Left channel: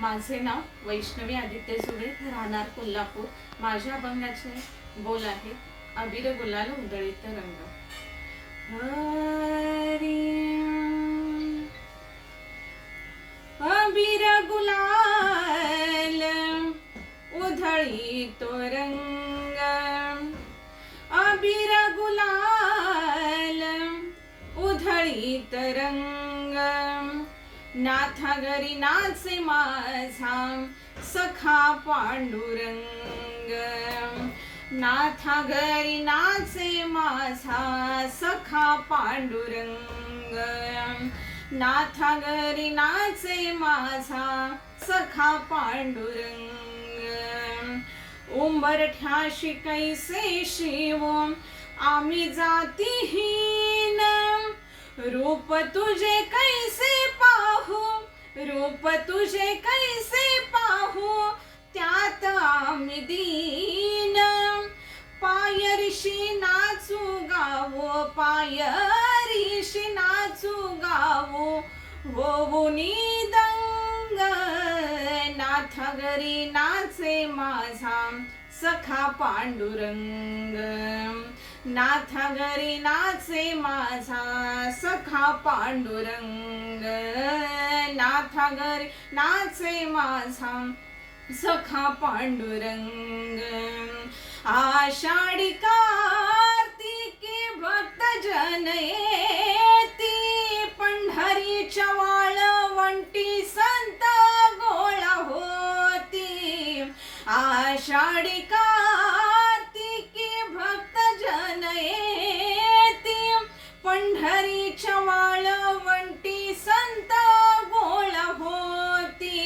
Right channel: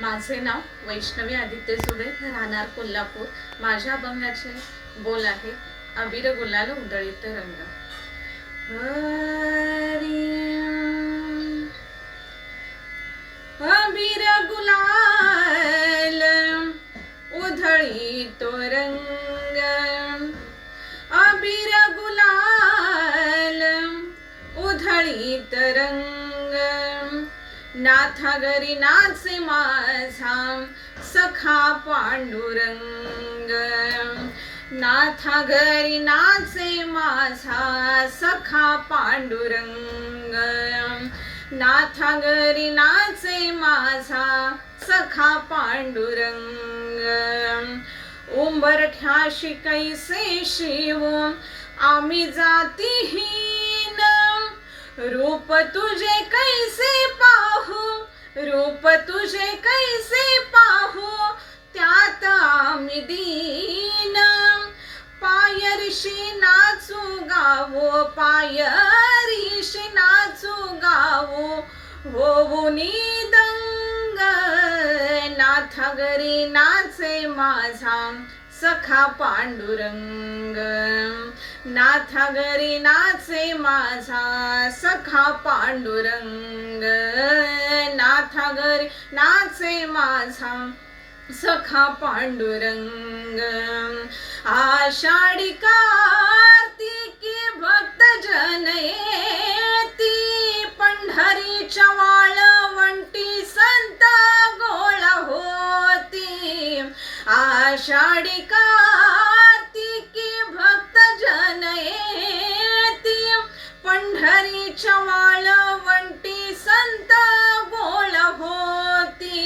माझे नाव वैष्णवी आदित्य सुरे, राहणार कोल्हापूर। माझ्या अभंगाचे बोल आहे अबीर गुलाल उधळीत रंग। अबीर गुलाल उधळीतो रंग, अबीर गुलाल उधळीत रंग। नाथा घरी नाचे माझा सखा पांडुरंग, नाथा घरी नाचे माझा सखा पांडुरंग, नाथा घरी नाचे माझा सखा पांडुरंग। उंबरठ्याशी कैसे शिव आम्ही जातीहीन, रूप तुझे कैसे पाहू, रूप तुझे कैसे पाहू, त्यात आम्ही दीन। पायरीशी नाचू गावो, पायरीशी नाचू गावो, होऊनी दंग। नाथा घरी नाचे माझा सखा पांडुरंग, नाथा घरी नाचे माझा सखा पांडुरंग, नाथा घरी नाचे माझा सखा पांडुरंग। आषाढी कार्तिकी भक्त जन येती, पंढरीच्या वाळवंटी संत गोळा होती। आषाढी कार्तिकी भक्त जन येती, पंढरीच्या वाळवंटी संत गोळा होती।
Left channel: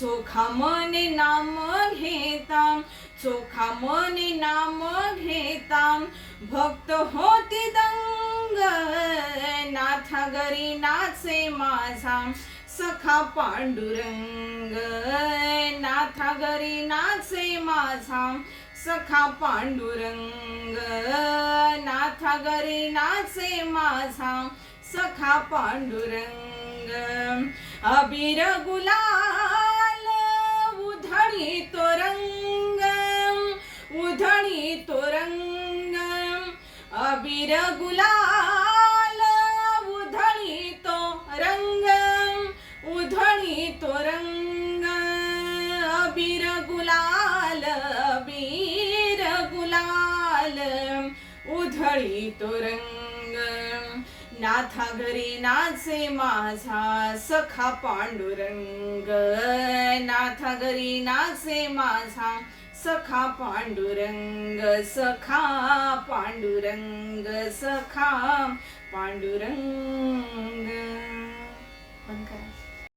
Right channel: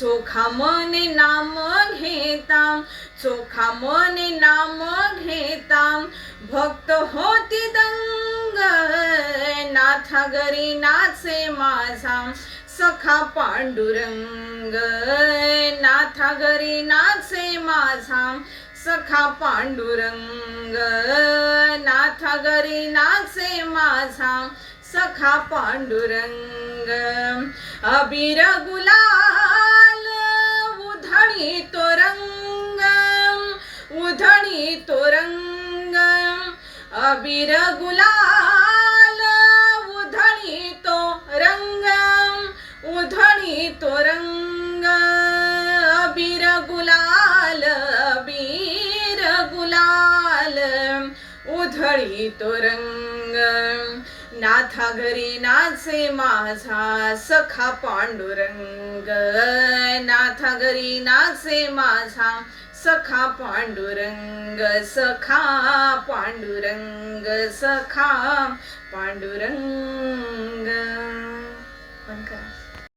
चोखा मने नाम घेता, चोखा मने नाम घेता, भक्त होती दंग। नाथा घरी नाचे माझा सखा पांडुरंग, नाथा घरी नाचे माझा सखा पांडुरंग, नाथा घरी नाचे माझा सखा पांडुरंग। अबीर गुलाल उधळीतो रंग, उधळीतो रंग, अबीर गुलाल उधळीतो रंग, उधळीतो रंग, अबीर गुलाल, अबीर गुलाल उधळीतो रंग। नाथा घरी नाचे माझा सखा पांडुरंग, नाथा घरी नाचे माझा सखा पांडुरंग, सखा पांडुरंग, सखा पांडुरंग।